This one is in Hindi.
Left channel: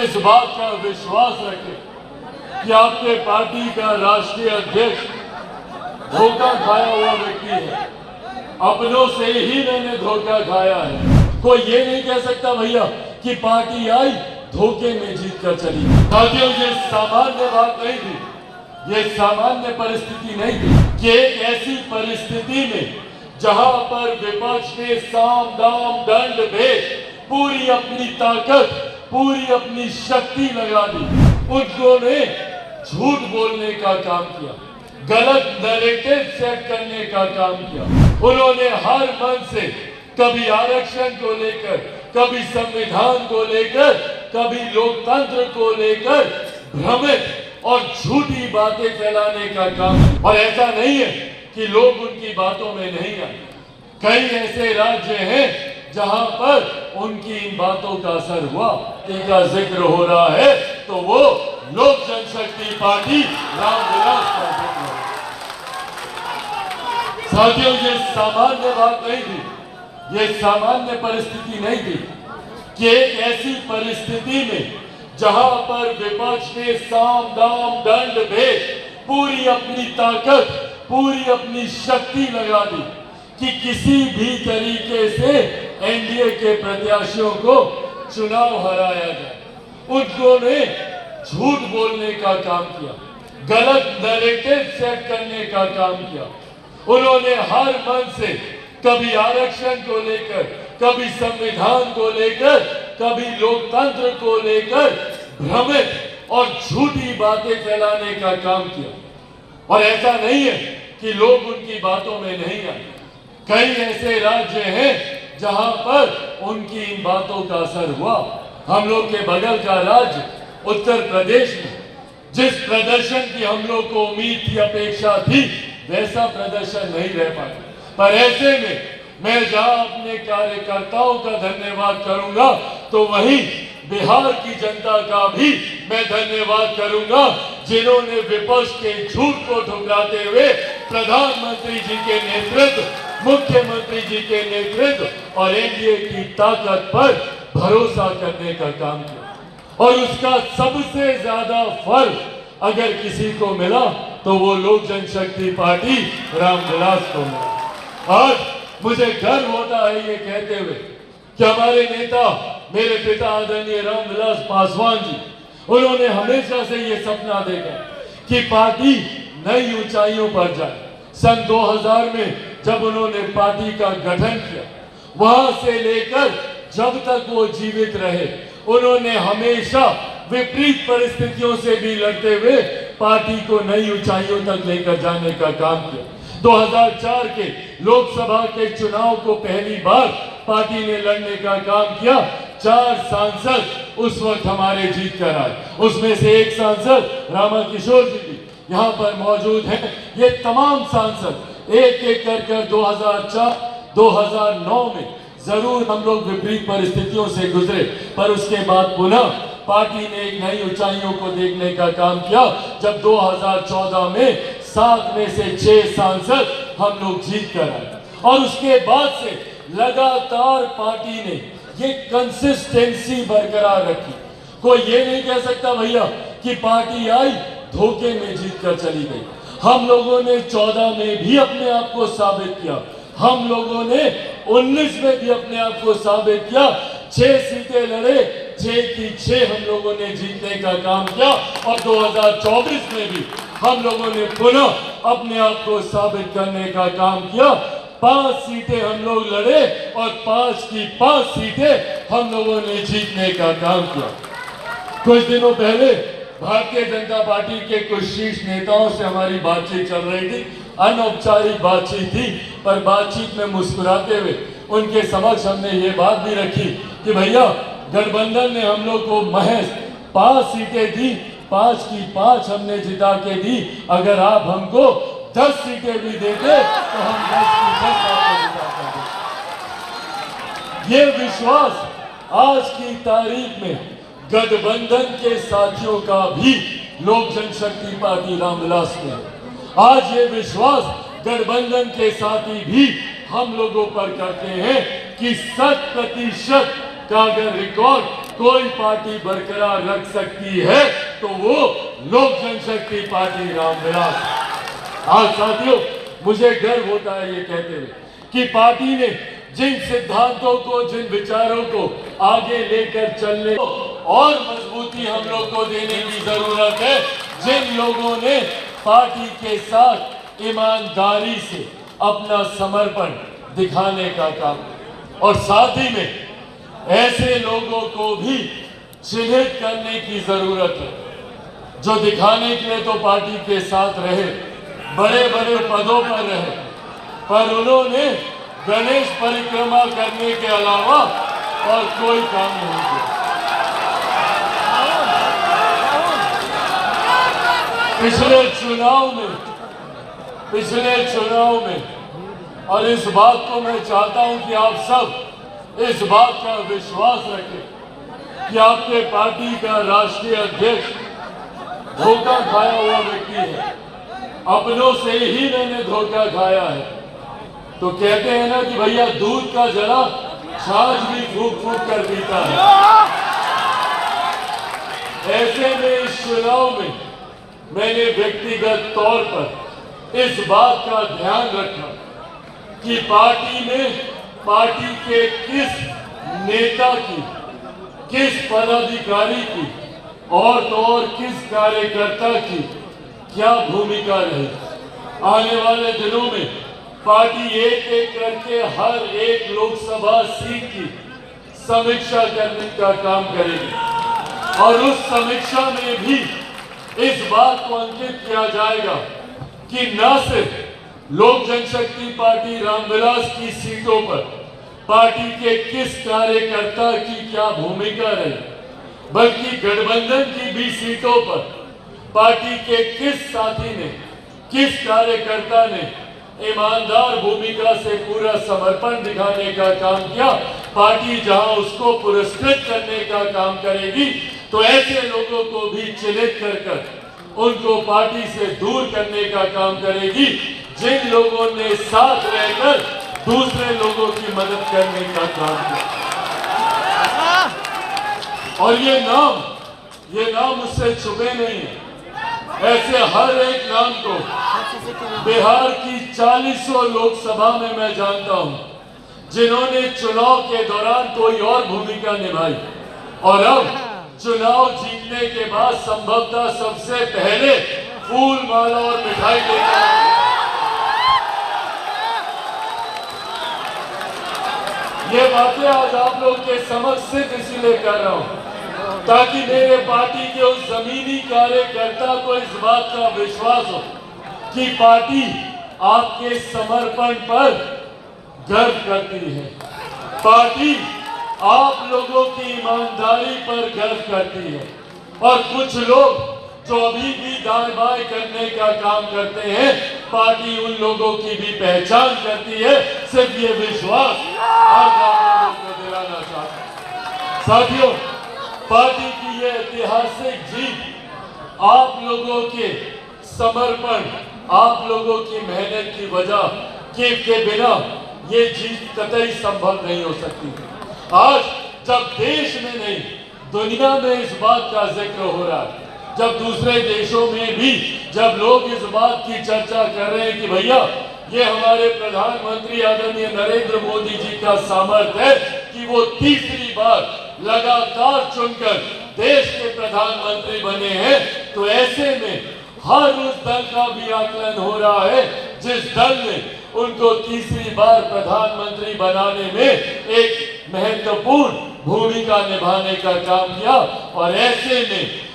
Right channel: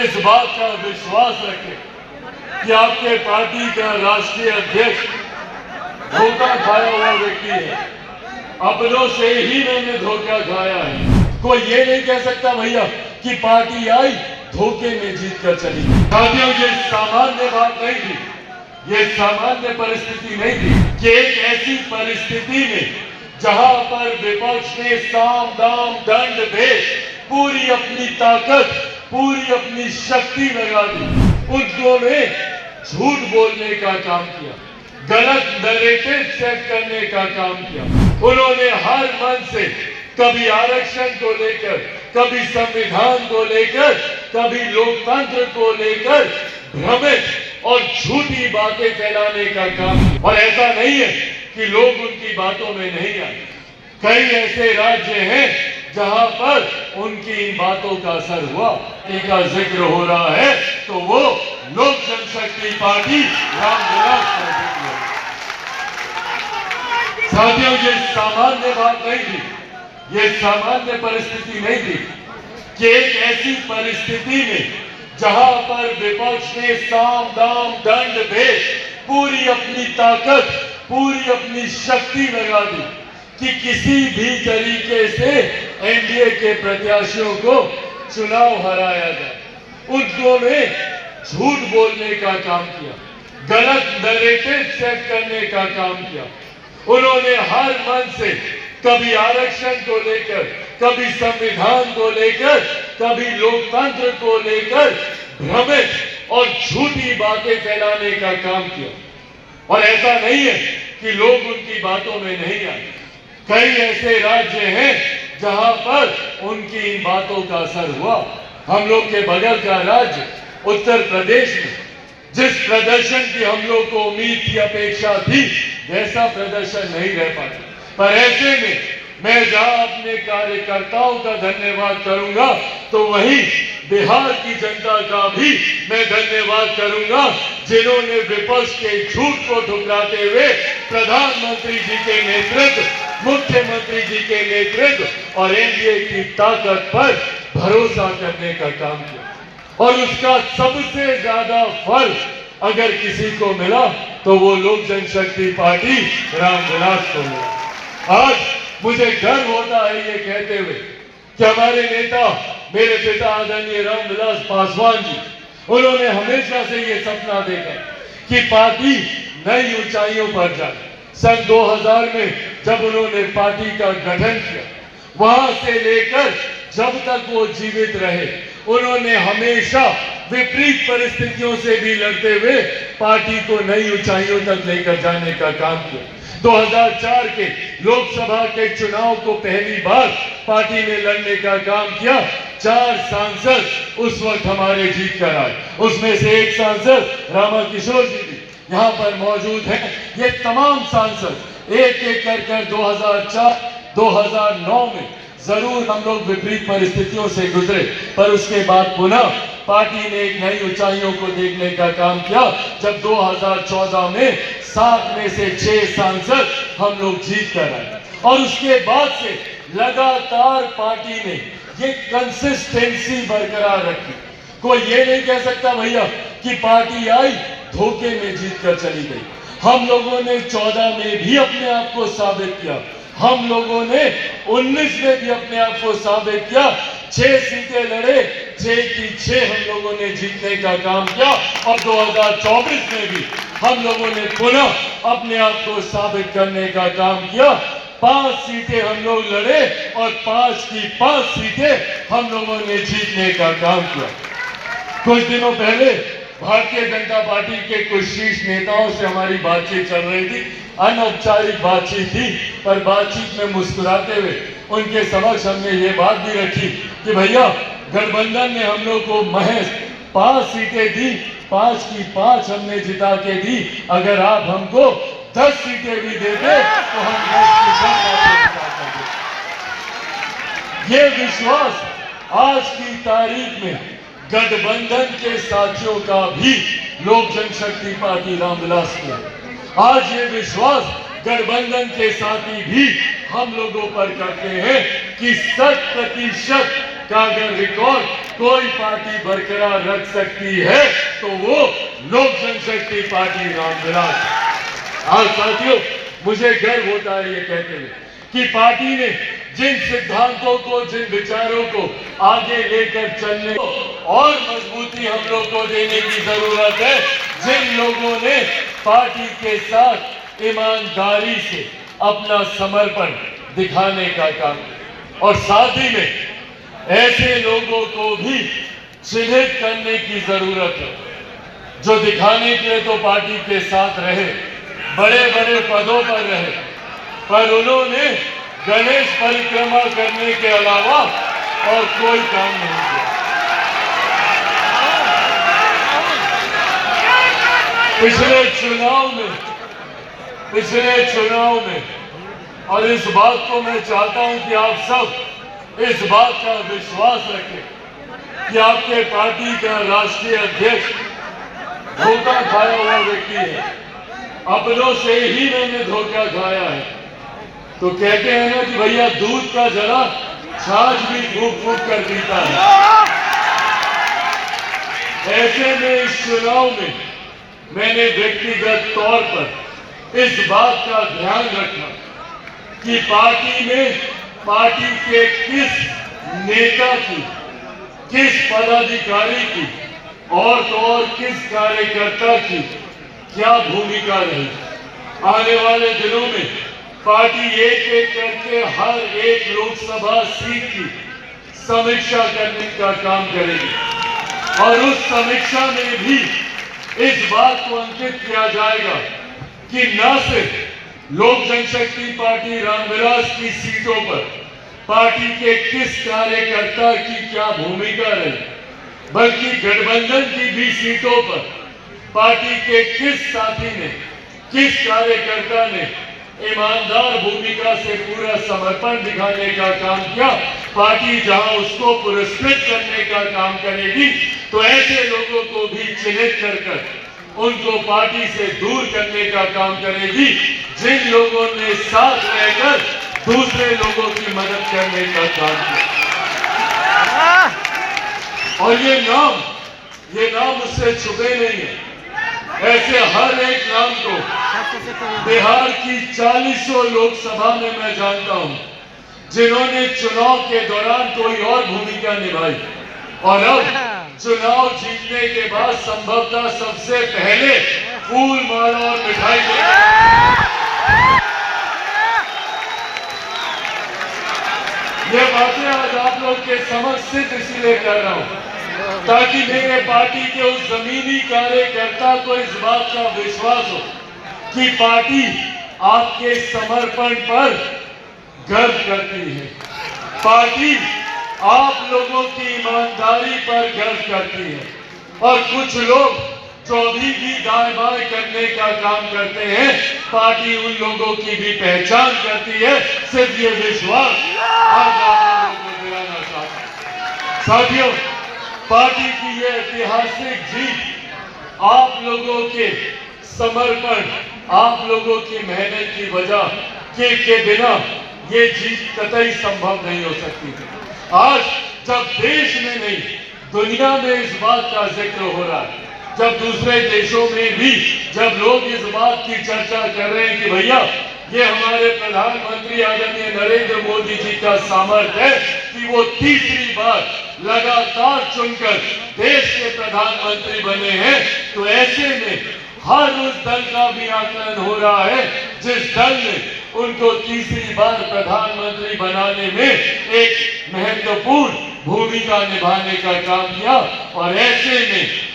इस बात का विश्वास रखें कि आपके पार्टी का राष्ट्रीय अध्यक्ष धोखा खाया हुआ व्यक्ति है। अपनों से ही मैंने धोखा खाया है। कोई ये नहीं कह सकता भैया कि पार्टी आई धोखे में जीत कर चली। साथियों, ये सामान्य बात नहीं थी, ये सामान्य परिस्थिति नहीं थी कि एक ऐसी परिस्थिति में जहां पर विपक्ष ने साम दाम दंड भेद पूरी अपनी ताकत, पूरी अपनी शक्ति लगा दी, उन्होंने झूठ बोलने का काम किया, गलत नैरेटिव सेट करने का काम किया। उन्होंने हर मन से कभी आरक्षण को लेकर, कभी संविधान को लेकर, कभी लोकतंत्र को लेकर भ्रमित और झूठी बातें फैलाने का काम किया। और ऐसा नहीं है कि लोग उनकी बातों में नहीं आए। कई ऐसे राज्य हैं जहां पर उनकी इन बातों का असर हुआ। इनका जिक्र हो रहा है तो वो लोक जनशक्ति पार्टी रामविलास का जिक्र है। साथियों, ये सामान्य बात नहीं थी, ये सामान्य परिस्थिति नहीं थी कि एक ऐसी परिस्थिति में जहां पर विपक्ष ने साम दाम दंड भेद पूरी अपनी ताकत, पूरी अपनी शक्ति लगा दी कि किसी भी तरीके से एनडीए के प्रत्याशियों को चुनाव हराया जाए। उन्होंने झूठ बोलने का काम किया, गलत नैरेटिव सेट करने का काम किया। उन्होंने हर मन से कभी आरक्षण को लेकर, कभी संविधान को लेकर, कभी लोकतंत्र को लेकर भ्रमित और झूठी बातें फैलाने का काम किया। और ऐसा नहीं है कि लोग उनकी बातों में नहीं आए। कई ऐसे राज्य हैं जहां पर उनकी इन बातों का असर हुआ। हम लोग के बगल का राज्य उत्तर प्रदेश में जिस प्रदर्शन की हम लोग को उम्मीद थी, अपेक्षा थी, वैसा प्रदर्शन नहीं रह पाया। पर ऐसे में मैं जहां अपने कार्यकर्ताओं का धन्यवाद करूंगा तो वहीं बिहार की जनता का भी मैं धन्यवाद करूंगा, जिन्होंने विपक्ष के झूठ को ठुकराते हुए प्रधानमंत्री जी के नेतृत्व, मुख्यमंत्री जी के नेतृत्व और एनडीए की ताकत पर भरोसा करने का काम किया। और उसका सबसे ज्यादा फल अगर किसी को मिला तो वो लोक जनशक्ति पार्टी रामविलास को मिला। आज मुझे गर्व होता है ये कहते हुए कि हमारे नेता, मेरे पिता आदरणीय रामविलास पासवान जी, उन्होंने हमेशा से ये सपना देखा कि पार्टी नई ऊंचाइयों पर जाए। सन 2000 में जब उन्होंने पार्टी का गठन किया, वहां से लेकर जब तक वो जीवित रहे, उन्होंने हमेशा विपरीत परिस्थितियों से भी लड़ते हुए पार्टी को नई ऊंचाइयों तक लेकर जाने का काम किया। 2004 के लोकसभा के चुनाव को पहली बार पार्टी ने लड़ने का काम किया। 4 सांसद उस वक्त हमारे जीत कर आए, उसमें से एक सांसद रामा किशोर जी भी यहाँ पर मौजूद हैं। ये तमाम सांसद एक एक कर 2004, 2009 में जरूर हम लोग विपरीत परिस्थितियों से गुजरे, पर उसके बाद पुनः पार्टी ने एक नई ऊंचाइयों को देखने का काम किया। जब 2014 में 7 में से 6 सांसद हम लोग जीत कर आए और उसके बाद से लगातार पार्टी ने ये कंसिस्टेंसी बरकरार रखी। कोई ये नहीं कह सकता भैया कि पार्टी आई धोखे में जीत कर चली गई। हम लोगों ने 14 में भी अपने आप को साबित किया, हम लोगों ने 19 में भी अपने आप को साबित किया। 6 सीटें लड़े, 6 की 6 हम लोगों ने जीतने का काम किया। और 2024 में भी हम लोगों ने पुनः अपने आप को साबित करने का काम किया। 5 सीटें हम लोग लड़े और 5 की 5 सीटें हम लोगों ने जीतने का काम किया। कुछ दिनों पहले भारतीय जनता पार्टी के कुछ शीर्ष नेताओं से हमारी बातचीत चल रही थी, अनौपचारिक बातचीत थी, पर बातचीत में मुस्कुराते हुए उनके समक्ष हमने ये बात भी रखी कि भैया गठबंधन ने हम लोग को महज 5 सीटें दी, 5 की 5 हमने जिता के दी। अगर आप हमको 10 सीटें भी देते तो हम 10 की 10 बातें जिता सकते। ये विश्वास आज की तारीख में गठबंधन के साथियों का भी लोक जनशक्ति पार्टी रामविलास में है। आज ये विश्वास गठबंधन के साथी भी हम लोगों पर करते हैं कि 100% का अगर रिकॉर्ड कोई पार्टी बरकरार रख सकती है तो वो लोक जनशक्ति पार्टी रामविलास। आज साथियों, मुझे गर्व होता है ये कहते हुए कि पार्टी ने जिन सिद्धांतों को, जिन विचारों को आगे लेकर चलने और मजबूती हम लोग को देने की जरूरत है, जिन लोगों ने पार्टी के साथ ईमानदारी से अपना समर्पण दिखाने का काम, और साथ ही में ऐसे लोगों को भी चिन्हित करने की जरूरत है जो दिखाने के लिए तो पार्टी के साथ रहे, बड़े बड़े पदों पर रहे, पर उन्होंने गणेश परिक्रमा करने के अलावा और कोई काम नहीं किया। पिछले चुनाव में और इस बात को मैं चाहता हूं कि आप सब इस बात का विश्वास रखें कि आपके पार्टी का राष्ट्रीय अध्यक्ष धोखा खाया हुआ व्यक्ति है। अपनों से ही मैंने धोखा खाया है। तो कहते हैं ना कि भैया दूध का जरा छाछ भी फूक फूक कर पीता है। ऐसे में इस चुनाव में मैंने व्यक्तिगत तौर पर इस बात का ध्यान रखा कि पार्टी के किस नेता की, किस पदाधिकारी की और तो और किस कार्यकर्ता की क्या भूमिका रही। आने वाले दिनों में पार्टी एक एक करके हर एक लोकसभा सीट की समीक्षा करने का काम करेगी और उस समीक्षा में भी इस बात को अंकित किया जाएगा कि न सिर्फ लोक जनशक्ति पार्टी रामविलास की सीटों पर पार्टी के किस कार्यकर्ता की क्या भूमिका रही, बल्कि गठबंधन की भी सीटों पर पार्टी के किस साथी ने, किस कार्यकर्ता ने ईमानदार भूमिका से पूरा समर्पण दिखाने का काम किया। पार्टी जहां उसको पुरस्कृत करने का काम करेगी तो ऐसे लोगों को भी चिन्हित कर उनको पार्टी से दूर करने का काम करेगी जिन लोगों ने साथ रहकर दूसरे लोगों की मदद करने का काम किया। और ये नाम उससे छुपे नहीं है। ऐसे हर एक नाम को बिहार की 40 लोकसभा में मैं जानता हूं जिन्होंने चुनाव के दौरान कोई और भूमिका निभाई और अब चुनाव जीतने के बाद संभवतः सबसे पहले फूल माला और मिठाई देकर ये बातें आज आप लोग के समक्ष सिर्फ इसीलिए कर रहा हूं ताकि मेरे पार्टी के उस जमीनी कार्यकर्ता को इस बात का विश्वास हो कि पार्टी आपके समर्पण पर गर्व करती है, पार्टी आप लोगों की ईमानदारी पर गर्व करती है। और कुछ लोग जो अभी भी दाएं बाएं करने का काम करते हैं, पार्टी उन लोगों की भी पहचान करती है। सिर्फ ये विश्वास आज आप लोगों को दिलाना चाहता हूं। साथियों, पार्टी की ये ऐतिहासिक जीत आप लोगों के समर्पण, आप लोगों की मेहनत की वजह के बिना ये जीत कतई संभव नहीं हो सकती थी। आज जब देश में नहीं दुनिया में इस बात का जिक्र हो रहा है, जब दूसरे देशों में भी जब लोग इस बात की चर्चा कर रहे हैं कि भैया ये हमारे प्रधानमंत्री आदरणीय नरेंद्र मोदी जी का सामर्थ्य है कि वो तीसरी बार लगातार चुनकर देश के प्रधानमंत्री बने हैं, तो ऐसे में हर उस दल का भी आकलन हो रहा है जिस दल ने उनको तीसरी बार प्रधानमंत्री बनाने में एक महत्वपूर्ण भूमिका निभाने का काम किया। और ऐसे में